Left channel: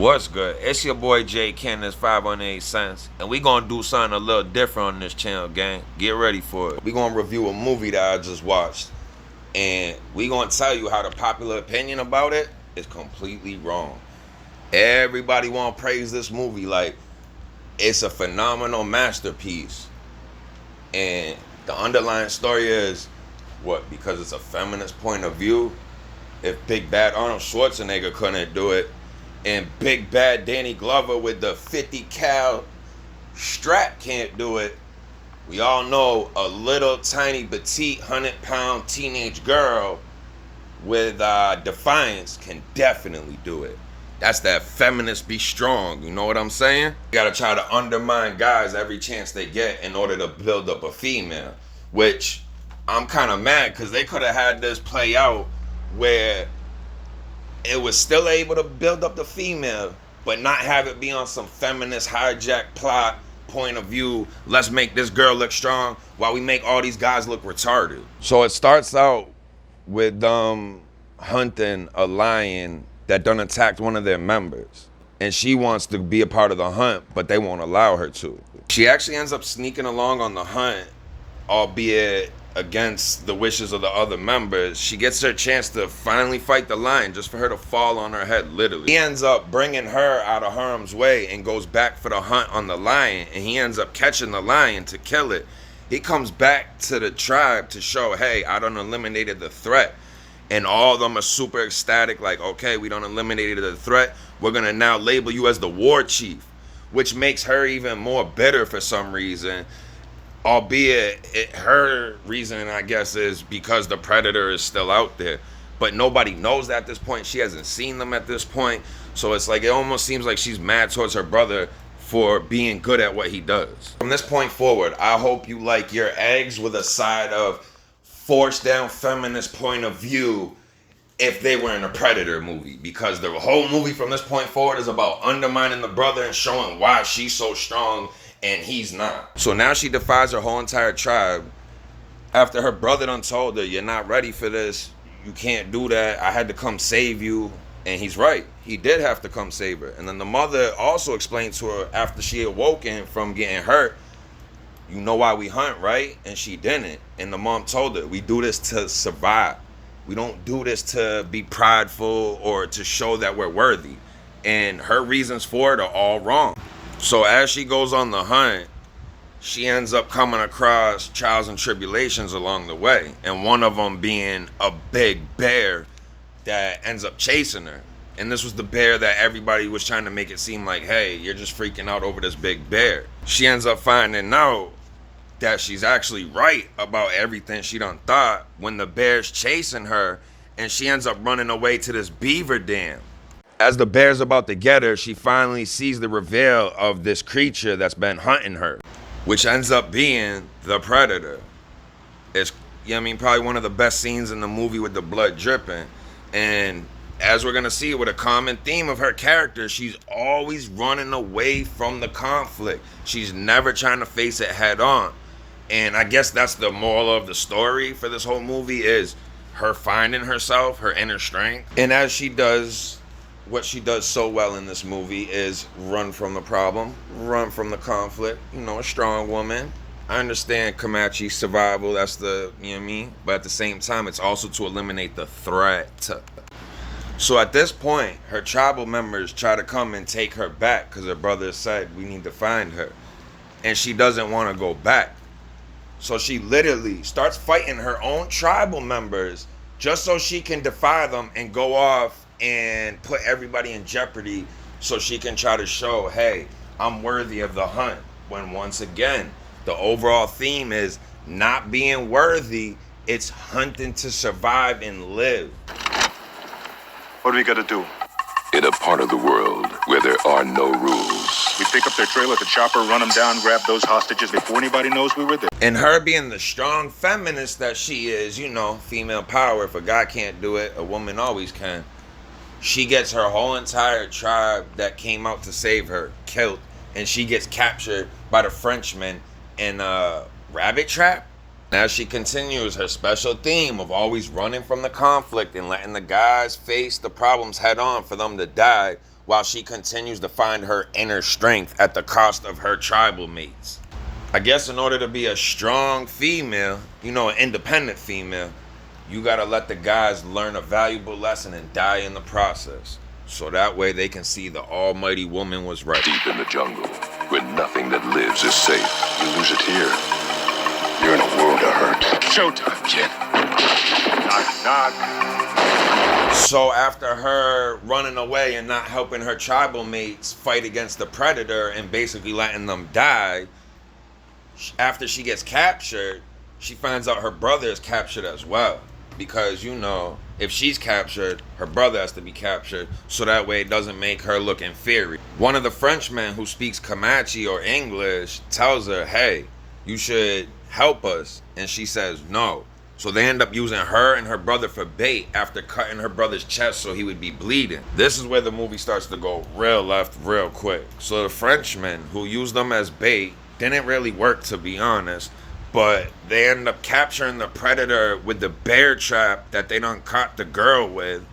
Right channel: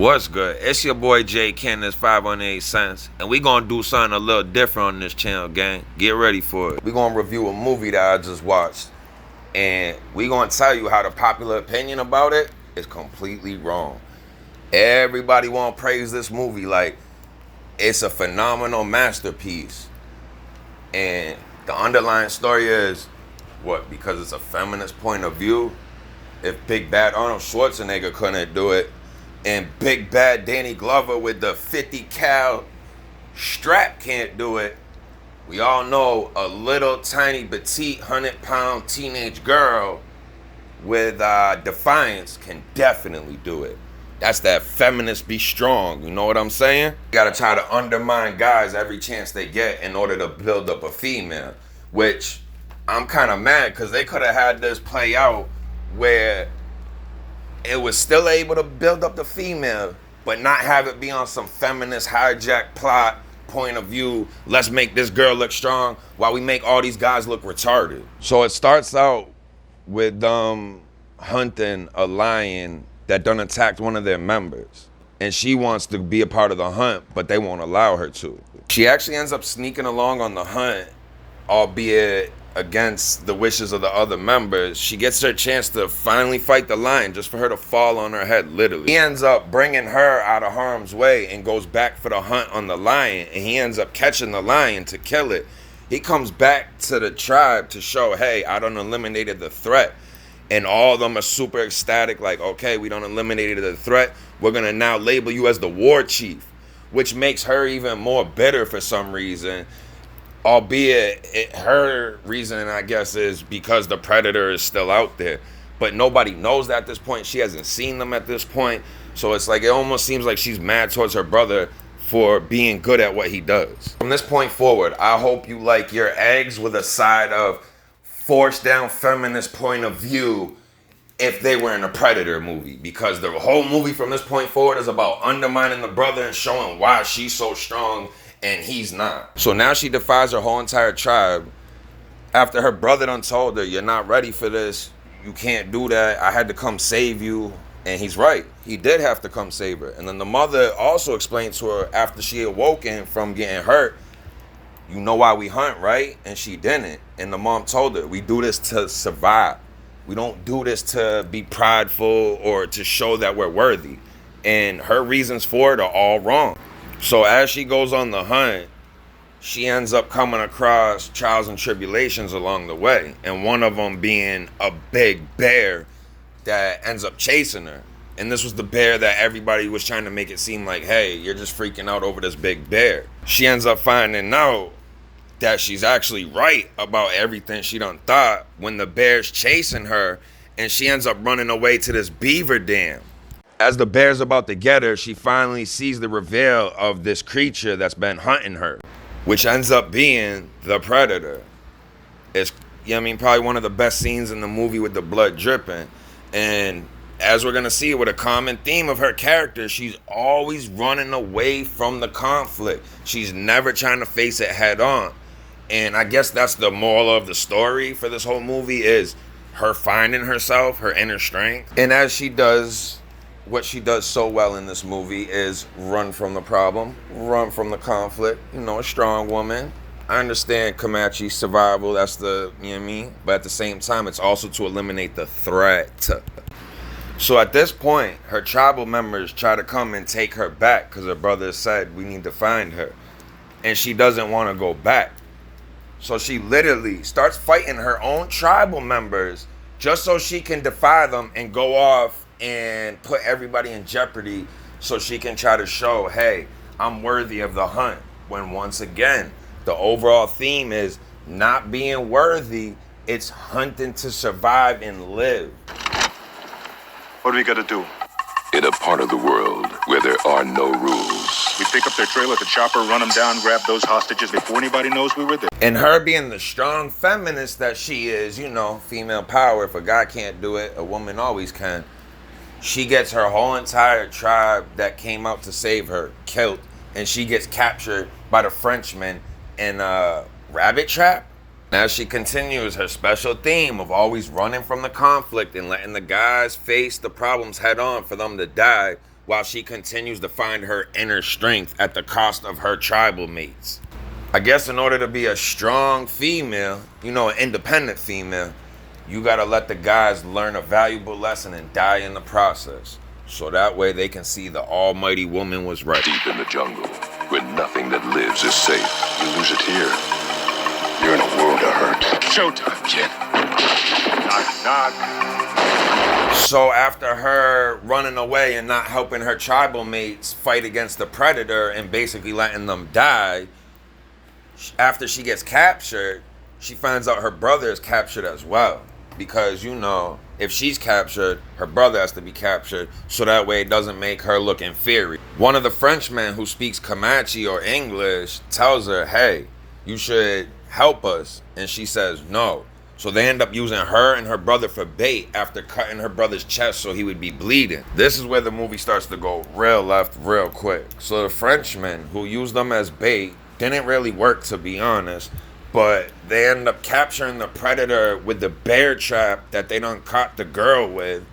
What's good? It's your boy J Kenneth 518 cents, and we gonna do something a little different on this channel, gang. Get ready for it. We gonna review a movie that I just watched, and we gonna tell you how the popular opinion about it is completely wrong. Everybody wanna praise this movie like it's a phenomenal masterpiece, and the underlying story is what? Because it's a feminist point of view. If Big Bad Arnold Schwarzenegger couldn't do it, and Big Bad Danny Glover with the 50 cal strap can't do it, we all know a little tiny petite 100-pound teenage girl with defiance can definitely do it. That's that feminist be strong, you know what I'm saying? You gotta try to undermine guys every chance they get in order to build up a female, which I'm kind of mad because they could have had this play out where it was still able to build up the female, but not have it be on some feminist hijack plot point of view. Let's make this girl look strong while we make all these guys look retarded. So it starts out with hunting a lion that done attacked one of their members. And she wants to be a part of the hunt, but they won't allow her to. She actually ends up sneaking along on the hunt, albeit against the wishes of the other members. She gets her chance to finally fight the lion just for her to fall on her head, literally. He ends up bringing her out of harm's way and goes back for the hunt on the lion, and he ends up catching the lion to kill it. He comes back to the tribe to show, hey, I done eliminated the threat. And all of them are super ecstatic, like, okay, we done eliminated the threat. We're gonna now label you as the war chief, which makes her even more bitter for some reason. Albeit her reason, I guess, is because the predator is still out there, but nobody knows that at this point. She hasn't seen them at this point, so it's like it almost seems like she's mad towards her brother for being good at what he does. From this point forward, I hope you like your eggs with a side of forced down feminist point of view if they were in a Predator movie, because the whole movie from this point forward is about undermining the brother and showing why she's so strong and he's not. So now she defies her whole entire tribe after her brother done told her, you're not ready for this, you can't do that, I had to come save you. And he's right, he did have to come save her. And then the mother also explained to her after she awoken from getting hurt, you know why we hunt, right? And she didn't. And the mom told her, we do this to survive. We don't do this to be prideful or to show that we're worthy. And her reasons for it are all wrong. So as she goes on the hunt, she ends up coming across trials and tribulations along the way. And one of them being a big bear that ends up chasing her. And this was the bear that everybody was trying to make it seem like, hey, you're just freaking out over this big bear. She ends up finding out that she's actually right about everything she done thought when the bear's chasing her, and she ends up running away to this beaver dam. As the bear's about to get her, she finally sees the reveal of this creature that's been hunting her, which ends up being the predator. It's, you know what I mean, probably one of the best scenes in the movie with the blood dripping. And as we're gonna see with a common theme of her character, she's always running away from the conflict. She's never trying to face it head on. And I guess that's the moral of the story for this whole movie, is her finding herself, her inner strength. And as she does what she does so well in this movie is run from the problem, run from the conflict, you know, a strong woman. I understand Comanche survival, that's the, you know what I mean? But at the same time, it's also to eliminate the threat. So at this point, her tribal members try to come and take her back because her brother said, we need to find her. And she doesn't want to go back. So she literally starts fighting her own tribal members just so she can defy them and go off and put everybody in jeopardy so she can try to show, hey, I'm worthy of the hunt. When once again, the overall theme is not being worthy, it's hunting to survive and live. What do we gotta do? In a part of the world where there are no rules, We pick up their trailer at the chopper, run them down, grab those hostages before anybody knows we were there. And her being the strong feminist that she is, you know, female power. If a guy can't do it, a woman always can. She gets her whole entire tribe that came out to save her killed, and she gets captured by the Frenchmen in a rabbit trap. As she continues her special theme of always running from the conflict and letting the guys face the problems head on for them to die, while she continues to find her inner strength at the cost of her tribal mates. I guess in order to be a strong female, you know, an independent female, you gotta let the guys learn a valuable lesson and die in the process. So that way they can see the almighty woman was right. Deep in the jungle, where nothing that lives is safe. You lose it here, you're in a world of hurt. Showtime, kid. Knock, knock. So after her running away and not helping her tribal mates fight against the predator and basically letting them die, after she gets captured, she finds out her brother is captured as well. Because, you know, if she's captured, her brother has to be captured, so that way it doesn't make her look inferior. One of the Frenchmen who speaks Comanche or English tells her, hey, you should help us. And she says no. So they end up using her and her brother for bait after cutting her brother's chest so he would be bleeding. This is where the movie starts to go real left real quick. So the Frenchmen who used them as bait didn't really work, to be honest. But they end up capturing the predator with the bear trap that they done caught the girl with.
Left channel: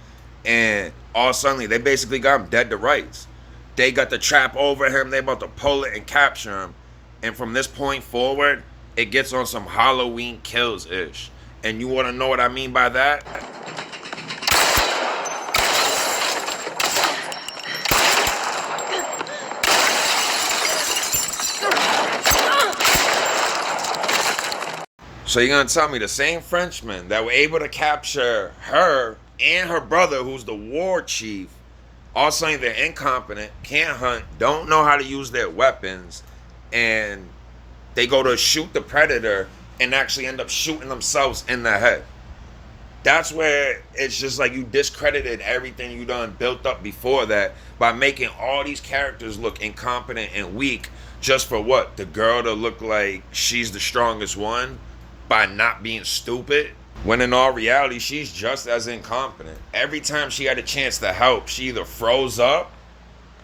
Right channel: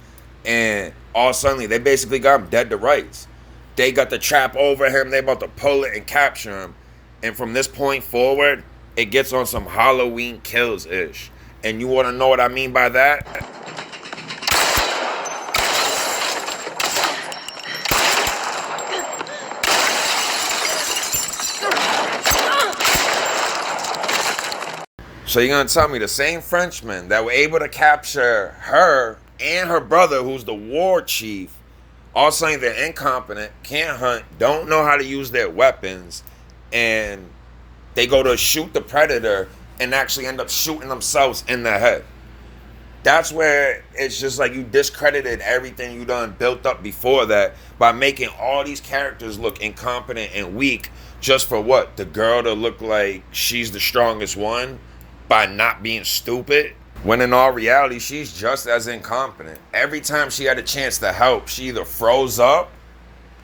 And all suddenly, they basically got him dead to rights. They got the trap over him. They about to pull it and capture him. And from this point forward, it gets on some Halloween Kills-ish. And you want to know what I mean by that? So you're going to tell me the same Frenchmen that were able to capture her and her brother, who's the war chief, all saying they're incompetent, can't hunt, don't know how to use their weapons, and they go to shoot the predator and actually end up shooting themselves in the head. That's where it's just like you discredited everything you done built up before that by making all these characters look incompetent and weak just for what? The girl to look like she's the strongest one? By not being stupid, when in all reality, she's just as incompetent. Every time she had a chance to help, she either froze up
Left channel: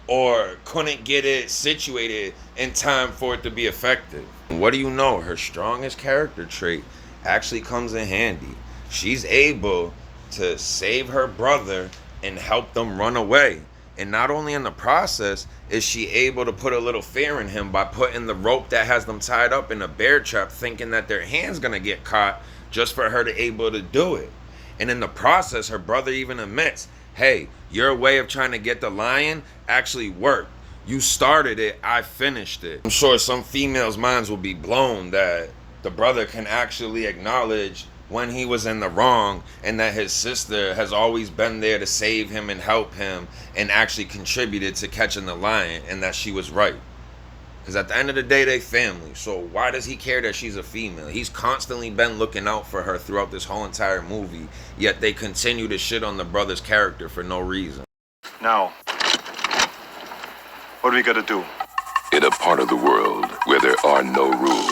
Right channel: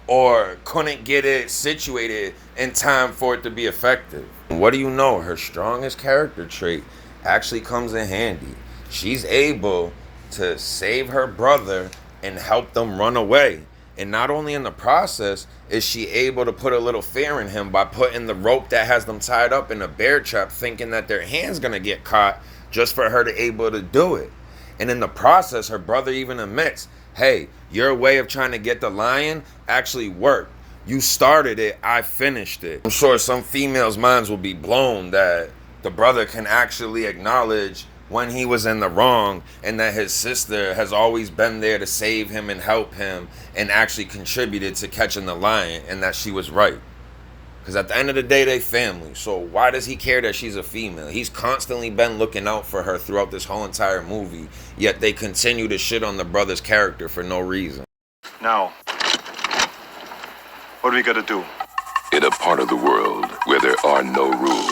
or couldn't get it situated in time for it to be effective. What do you know? Her strongest character trait actually comes in handy. She's able to save her brother and help them run away. And not only in the process is she able to put a little fear in him by putting the rope that has them tied up in a bear trap, thinking that their hand's gonna get caught just for her to able to do it. And in the process, her brother even admits, hey, your way of trying to get the lion actually worked. You started it, I finished it. I'm sure some females' minds will be blown that the brother can actually acknowledge when he was in the wrong and that his sister has always been there to save him and help him and actually contributed to catching the lion, and that she was right. Because at the end of the day, they family. So why does he care that she's a female? He's constantly been looking out for her throughout this whole entire movie, yet they continue to shit on the brother's character for no reason. Now, what do we got to do? In a part of the world where there are no rules.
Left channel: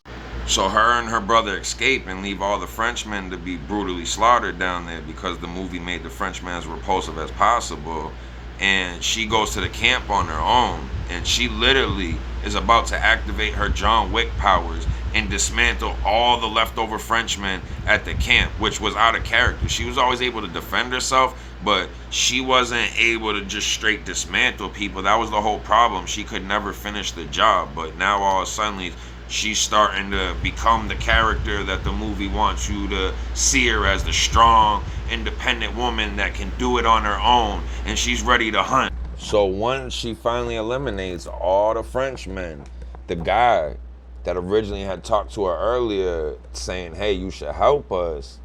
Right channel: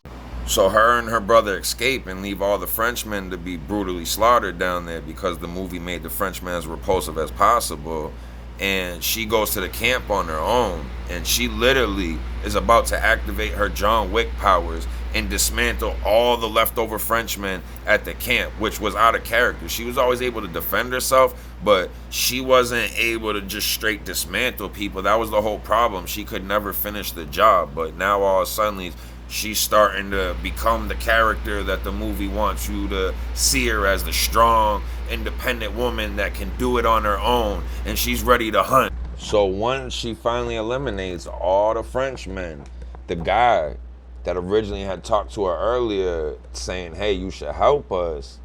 So her and her brother escape and leave all the Frenchmen to be brutally slaughtered down there because the movie made the Frenchmen as repulsive as possible. And she goes to the camp on her own, and she literally is about to activate her John Wick powers and dismantle all the leftover Frenchmen at the camp, which was out of character. She was always able to defend herself, but she wasn't able to just straight dismantle people. That was the whole problem. She could never finish the job, but now all of a sudden she's starting to become the character that the movie wants you to see her as, the strong, independent woman that can do it on her own, and she's ready to hunt. So once she finally eliminates all the Frenchmen, the guy that originally had talked to her earlier saying, hey, you should help us,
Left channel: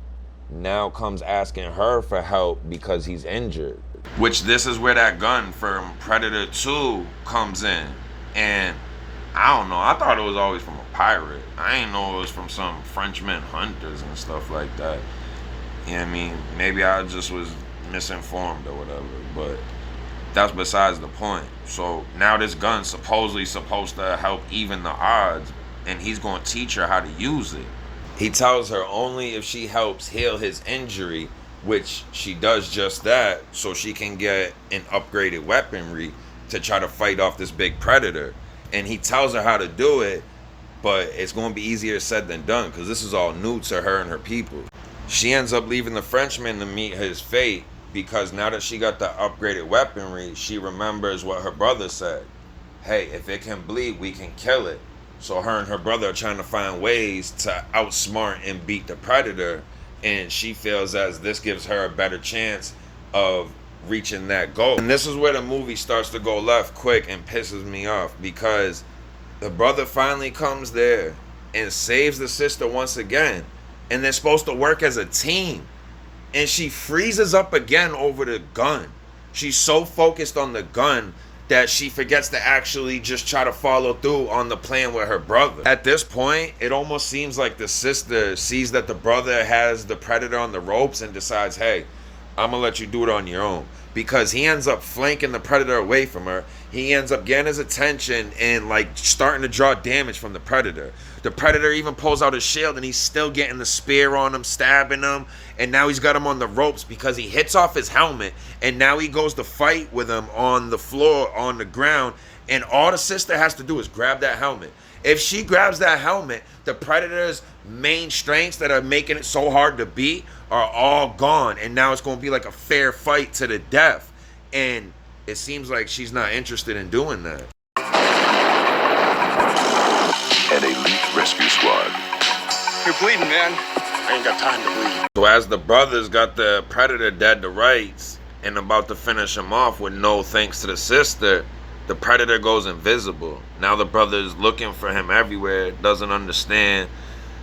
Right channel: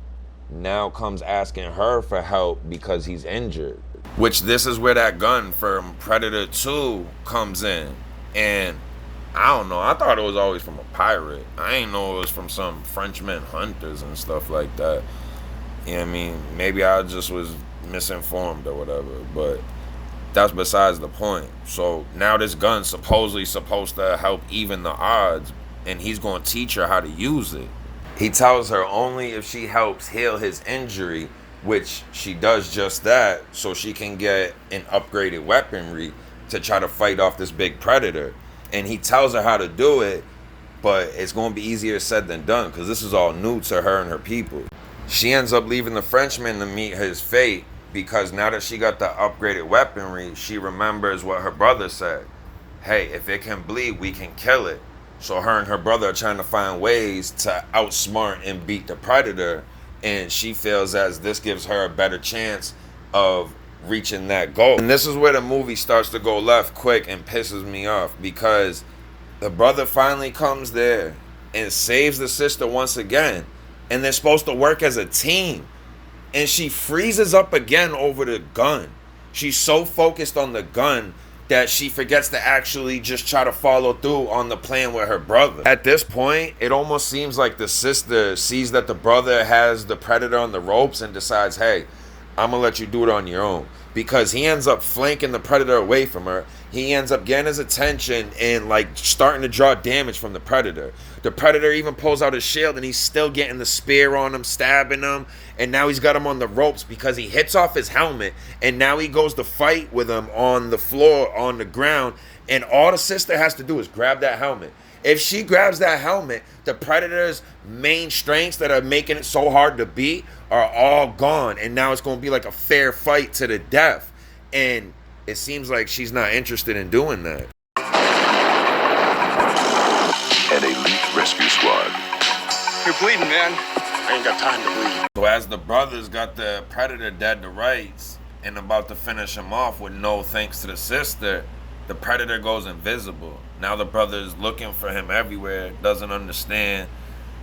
now comes asking her for help because he's injured. Which this is where that gun from Predator 2 comes in. And I don't know, I thought it was always from a pirate. I ain't know it was from some Frenchman hunters and stuff like that. You know what I mean? Maybe I just was misinformed or whatever, but that's besides the point. So now this gun's supposedly supposed to help even the odds, and he's going to teach her how to use it. He tells her only if she helps heal his injury, which she does just that, so she can get an upgraded weaponry to try to fight off this big predator. And he tells her how to do it, but it's going to be easier said than done because this is all new to her and her people. She ends up leaving the Frenchman to meet his fate because now that she got the upgraded weaponry, she remembers what her brother said. Hey, if it can bleed, we can kill it. So her and her brother are trying to find ways to outsmart and beat the Predator, and she feels as this gives her a better chance of reaching that goal. And this is where the movie starts to go left quick and pisses me off, because the brother finally comes there and saves the sister once again, and they're supposed to work as a team, and she freezes up again over the gun. She's so focused on the gun that she forgets to actually just try to follow through on the plan with her brother. At this point, it almost seems like the sister sees that the brother has the Predator on the ropes and decides, hey, I'm gonna let you do it on your own. Because he ends up flanking the Predator away from her. He ends up getting his attention and like starting to draw damage from the Predator. The Predator even pulls out his shield and he's still getting the spear on him, stabbing him. And now he's got him on the ropes because he hits off his helmet. And now he goes to fight with him on the floor, on the ground. And all the sister has to do is grab that helmet. If she grabs that helmet, the Predator's main strengths that are making it so hard to beat are all gone. And now it's going to be like a fair fight to the death. And it seems like she's not interested in doing that. An elite rescue squad. You're bleeding, man. I ain't got time to bleed. So as the brothers got the Predator dead to rights and about to finish him off with no thanks to the sister, the Predator goes invisible. Now the brother's looking for him everywhere, doesn't understand.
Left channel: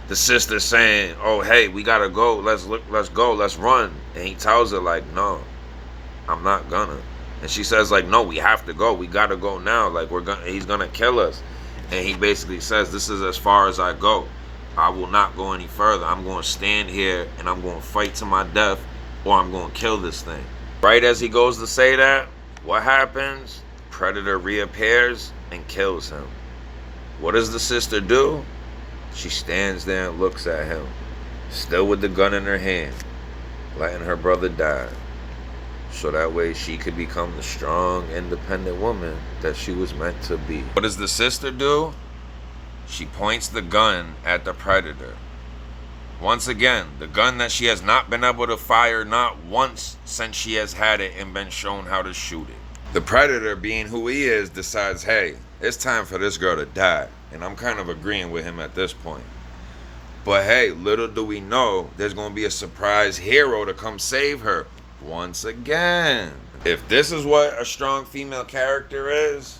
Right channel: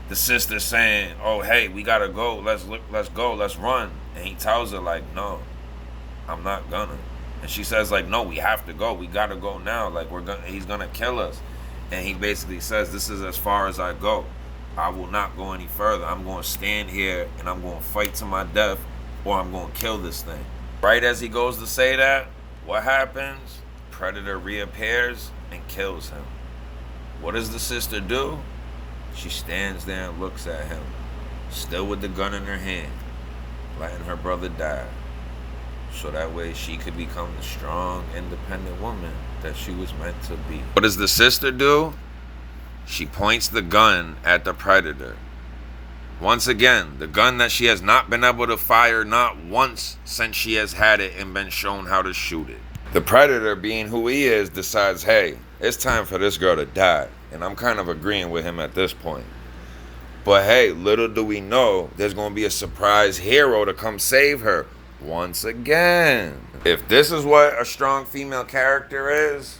The sister's saying, oh, hey, we gotta go. Let's go, let's run. And he tells her, like, no, I'm not gonna. And she says, like, no, we have to go. We gotta go now. Like, he's gonna kill us. And he basically says, this is as far as I go. I will not go any further. I'm gonna stand here and I'm gonna fight to my death, or I'm gonna kill this thing. Right as he goes to say that, what happens? Predator reappears and kills him. What does the sister do? She stands there and looks at him, still with the gun in her hand, letting her brother die. So that way she could become the strong, independent woman that she was meant to be. What does the sister do? She points the gun at the Predator. Once again, the gun that she has not been able to fire not once since she has had it and been shown how to shoot it. The Predator, being who he is, decides, hey, it's time for this girl to die. And I'm kind of agreeing with him at this point. But hey, little do we know, there's going to be a surprise hero to come save her once again. If this is what a strong female character is,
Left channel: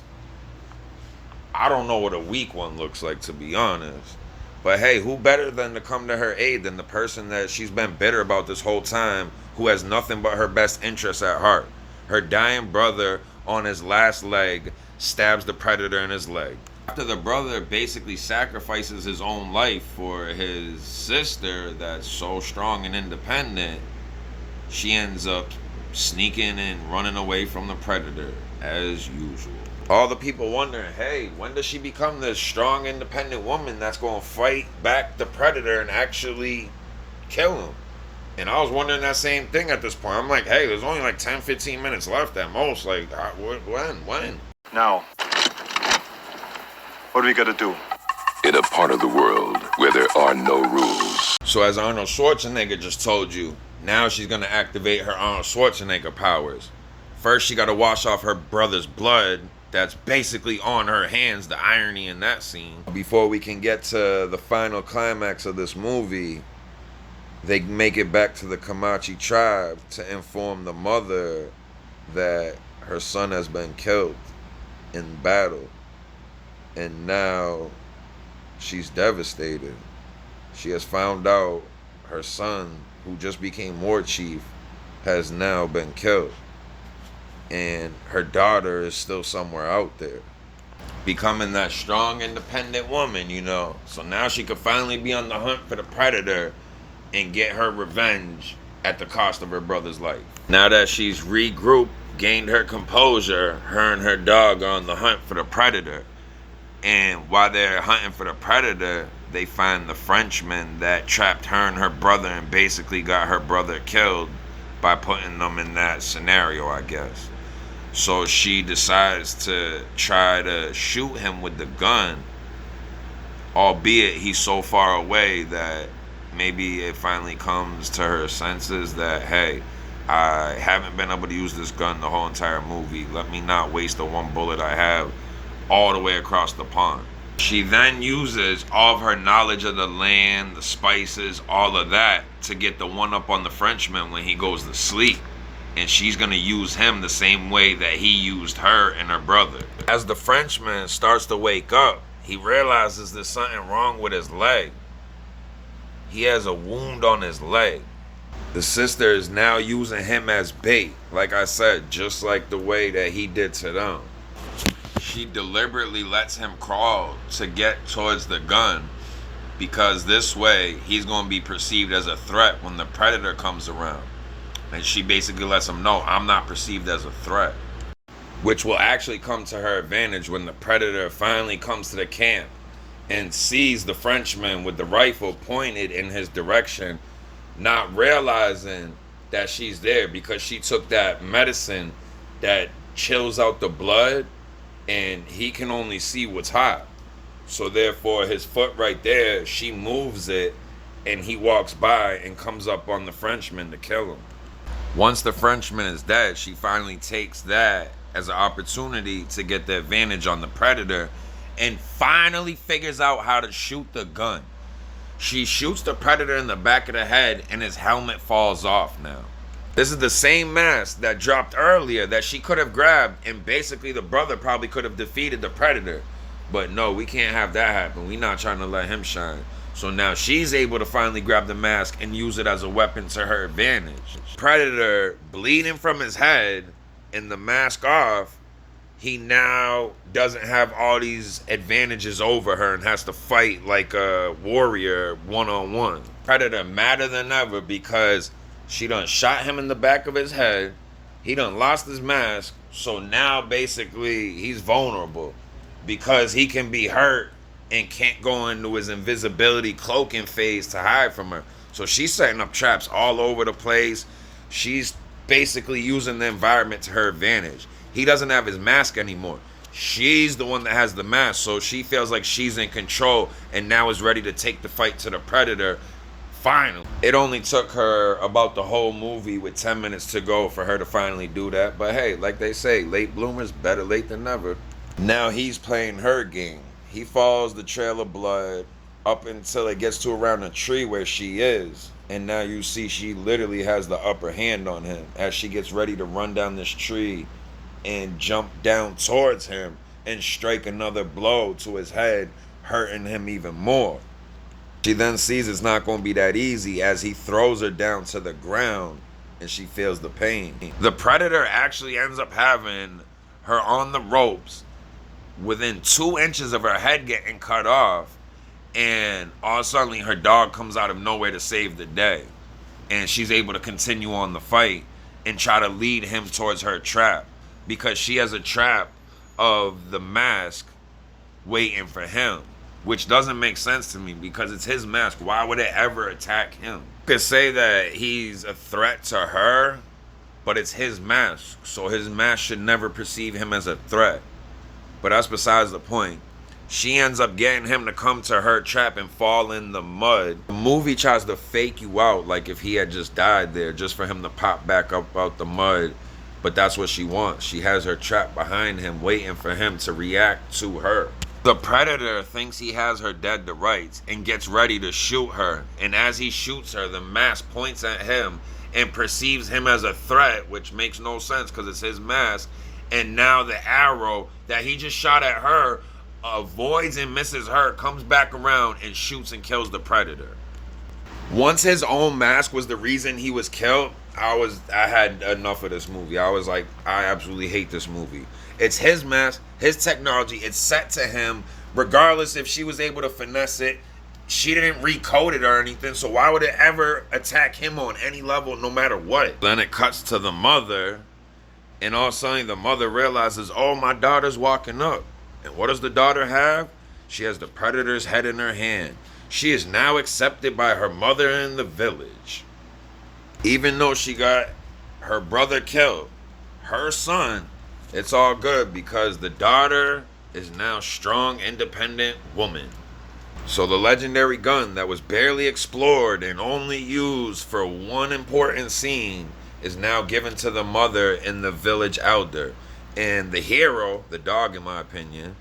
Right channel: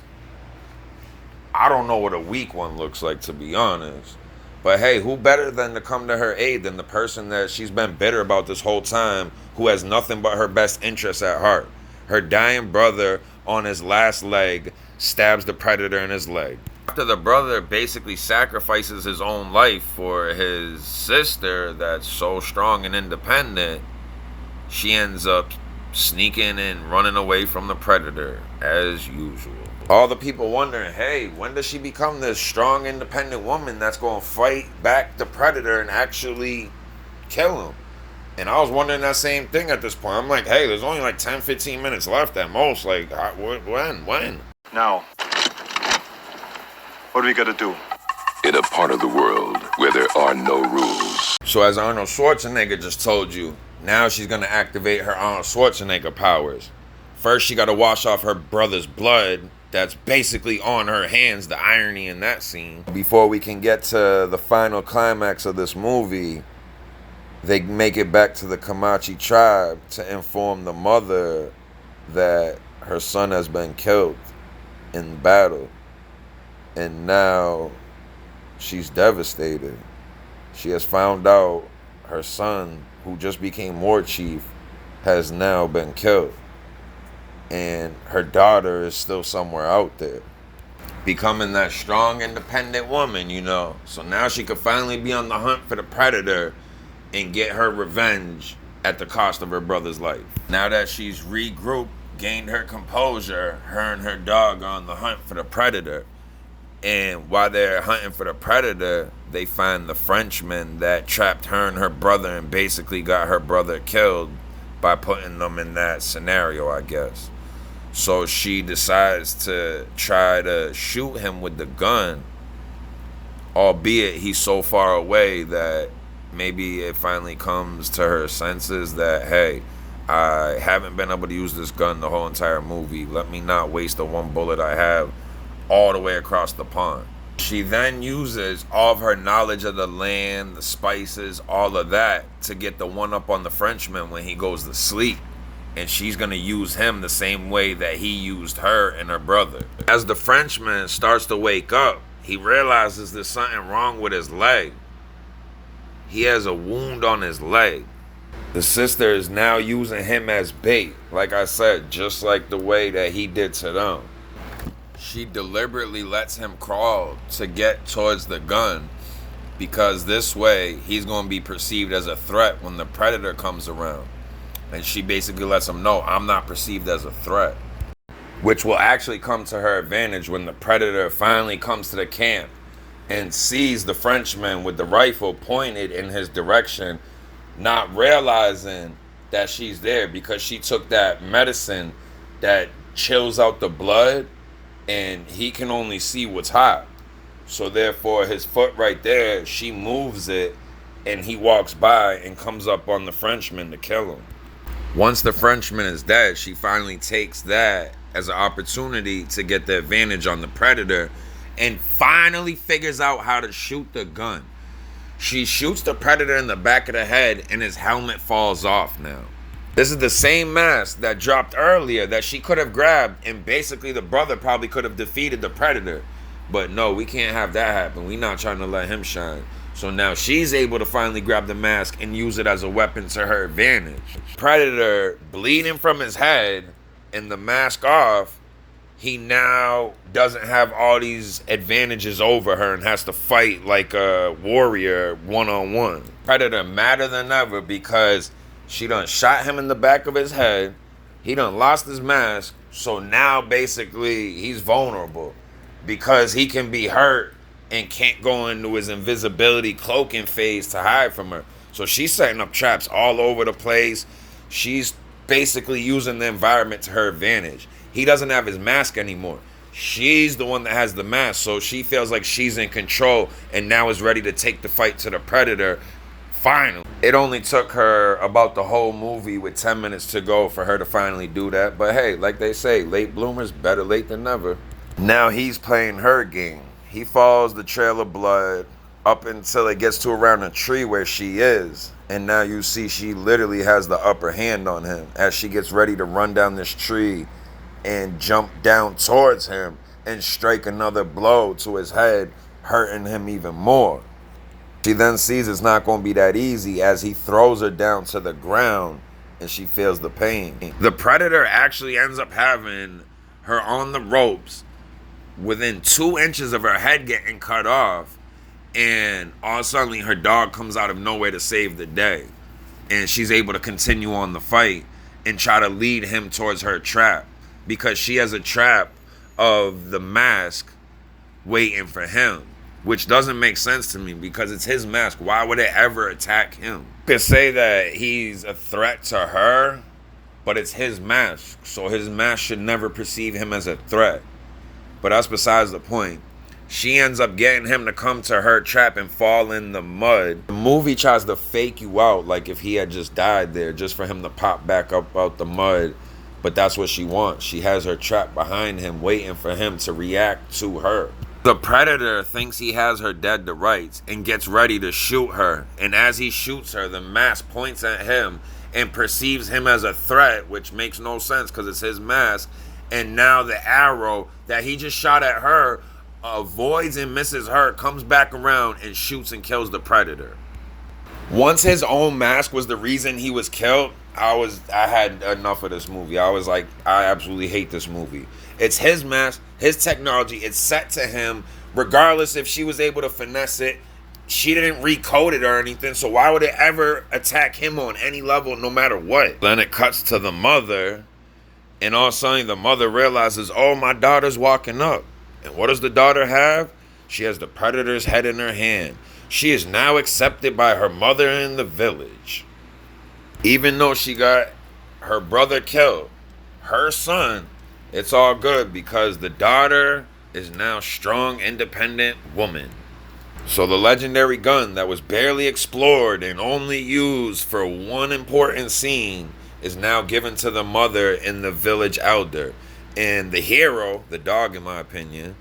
I don't know what a weak one looks like, to be honest. But hey, who better than to come to her aid than the person that she's been bitter about this whole time, who has nothing but her best interests at heart? Her dying brother on his last leg stabs the Predator in his leg. After the brother basically sacrifices his own life for his sister that's so strong and independent, she ends up sneaking and running away from the Predator as usual. All the people wondering, hey, when does she become this strong, independent woman that's going to fight back the Predator and actually kill him? And I was wondering that same thing at this point. I'm like, hey, there's only like 10, 15 minutes left at most. Like, when? Now, what do we gotta do? In a part of the world where there are no rules. So as Arnold Schwarzenegger just told you, now she's going to activate her Arnold Schwarzenegger powers. First, she got to wash off her brother's blood that's basically on her hands, the irony in that scene. Before we can get to the final climax of this movie, they make it back to the Comanche tribe to inform the mother that her son has been killed in battle. And now she's devastated. She has found out her son, who just became war chief, has now been killed. And her daughter is still somewhere out there, becoming that strong, independent woman, you know. So now she could finally be on the hunt for the Predator and get her revenge at the cost of her brother's life. Now that she's regrouped, gained her composure, her and her dog are on the hunt for the Predator. And while they're hunting for the Predator, they find the Frenchman that trapped her and her brother and basically got her brother killed by putting them in that scenario, I guess. So she decides to try to shoot him with the gun, albeit he's so far away that maybe it finally comes to her senses that, hey, I haven't been able to use this gun the whole entire movie. Let me not waste the one bullet I have all the way across the pond. She then uses all of her knowledge of the land, the spices, all of that to get the one up on the Frenchman when he goes to sleep. And she's going to use him the same way that he used her and her brother. As the Frenchman starts to wake up, he realizes there's something wrong with his leg. He has a wound on his leg. The sister is now using him as bait, like I said, just like the way that he did to them. She deliberately lets him crawl to get towards the gun because this way he's going to be perceived as a threat when the predator comes around. And she basically lets him know, I'm not perceived as a threat. Which will actually come to her advantage when the predator finally comes to the camp and sees the Frenchman with the rifle pointed in his direction, not realizing that she's there because she took that medicine that chills out the blood and he can only see what's hot. So therefore his foot right there, she moves it and he walks by and comes up on the Frenchman to kill him. Once the Frenchman is dead, she finally takes that as an opportunity to get the advantage on the predator and finally figures out how to shoot the gun. She shoots the predator in the back of the head and his helmet falls off now. This is the same mask that dropped earlier that she could have grabbed, and basically the brother probably could have defeated the predator. But no, we can't have that happen. We're not trying to let him shine. So now she's able to finally grab the mask and use it as a weapon to her advantage. Predator bleeding from his head and the mask off, he now doesn't have all these advantages over her and has to fight like a warrior one-on-one. Predator madder than ever because she done shot him in the back of his head. He done lost his mask. So now basically he's vulnerable because he can be hurt and can't go into his invisibility cloaking phase to hide from her. So she's setting up traps all over the place. She's basically using the environment to her advantage. He doesn't have his mask anymore. She's the one that has the mask, so she feels like she's in control and now is ready to take the fight to the predator. Finally. It only took her about the whole movie with 10 minutes to go for her to finally do that. But hey, like they say, late bloomers, better late than never. Now he's playing her game. He follows the trail of blood up until it gets to around a tree where she is. And now you see she literally has the upper hand on him as she gets ready to run down this tree and jump down towards him and strike another blow to his head, hurting him even more. She then sees it's not going to be that easy as he throws her down to the ground and she feels the pain. The predator actually ends up having her on the ropes within 2 inches of her head getting cut off, and all of a sudden her dog comes out of nowhere to save the day, and she's able to continue on the fight and try to lead him towards her trap because she has a trap of the mask waiting for him, which doesn't make sense to me because it's his mask. Why would it ever attack him? You could say that he's a threat to her, but it's his mask, so his mask should never perceive him as a threat. But that's besides the point. She ends up getting him to come to her trap and fall in the mud. The movie tries to fake you out like if he had just died there, just for him to pop back up out the mud. But that's what she wants. She has her trap behind him, waiting for him to react to her. The predator thinks he has her dead to rights and gets ready to shoot her. And as he shoots her, the mask points at him and perceives him as a threat, which makes no sense because it's his mask. And now the arrow that he just shot at her avoids and misses her, comes back around and shoots and kills the predator. Once his own mask was the reason he was killed, I had enough of this movie. I was like, I absolutely hate this movie. It's his mask, his technology, it's set to him. Regardless if she was able to finesse it, she didn't recode it or anything, so why would it ever attack him on any level, no matter what? Then it cuts to the mother, and all of a sudden the mother realizes, oh, my daughter's walking up. And what does the daughter have? She has the predator's head in her hand. She is now accepted by her mother in the village. Even though she got her brother killed, her son, it's all good because the daughter is now a strong, independent woman. So the legendary gun that was barely explored and only used for one important scene is now given to the mother and the village elder. And the hero, the dog in my opinion,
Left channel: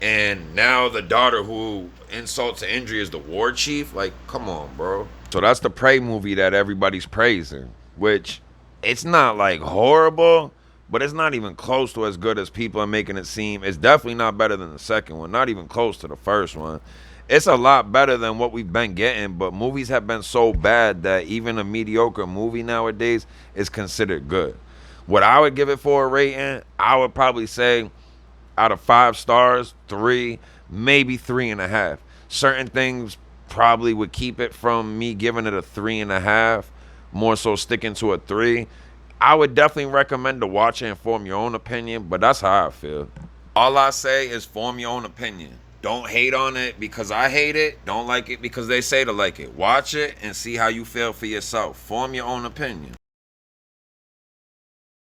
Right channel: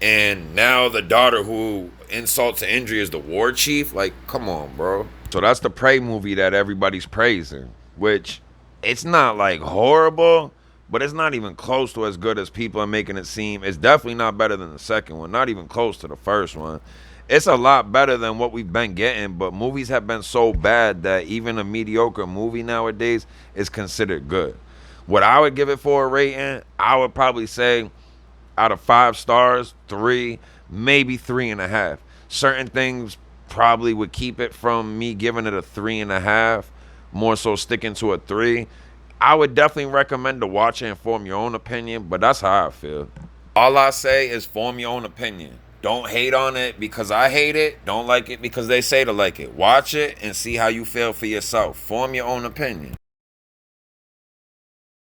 and now the daughter who insults and injury is the war chief. Like, come on, bro. So that's the Prey movie that everybody's praising, which it's not like horrible, but it's not even close to as good as people are making it seem. It's definitely not better than the second one, not even close to the first one. It's a lot better than what we've been getting, but movies have been so bad that even a mediocre movie nowadays is considered good. What I would give it for a rating, I would probably say out of 5 stars, 3, maybe 3.5. Certain things probably would keep it from me giving it a 3.5, more so sticking to a 3. I would definitely recommend to watch it and form your own opinion, but that's how I feel. All I say is form your own opinion. Don't hate on it because I hate it. Don't like it because they say to like it. Watch it and see how you feel for yourself. Form your own opinion.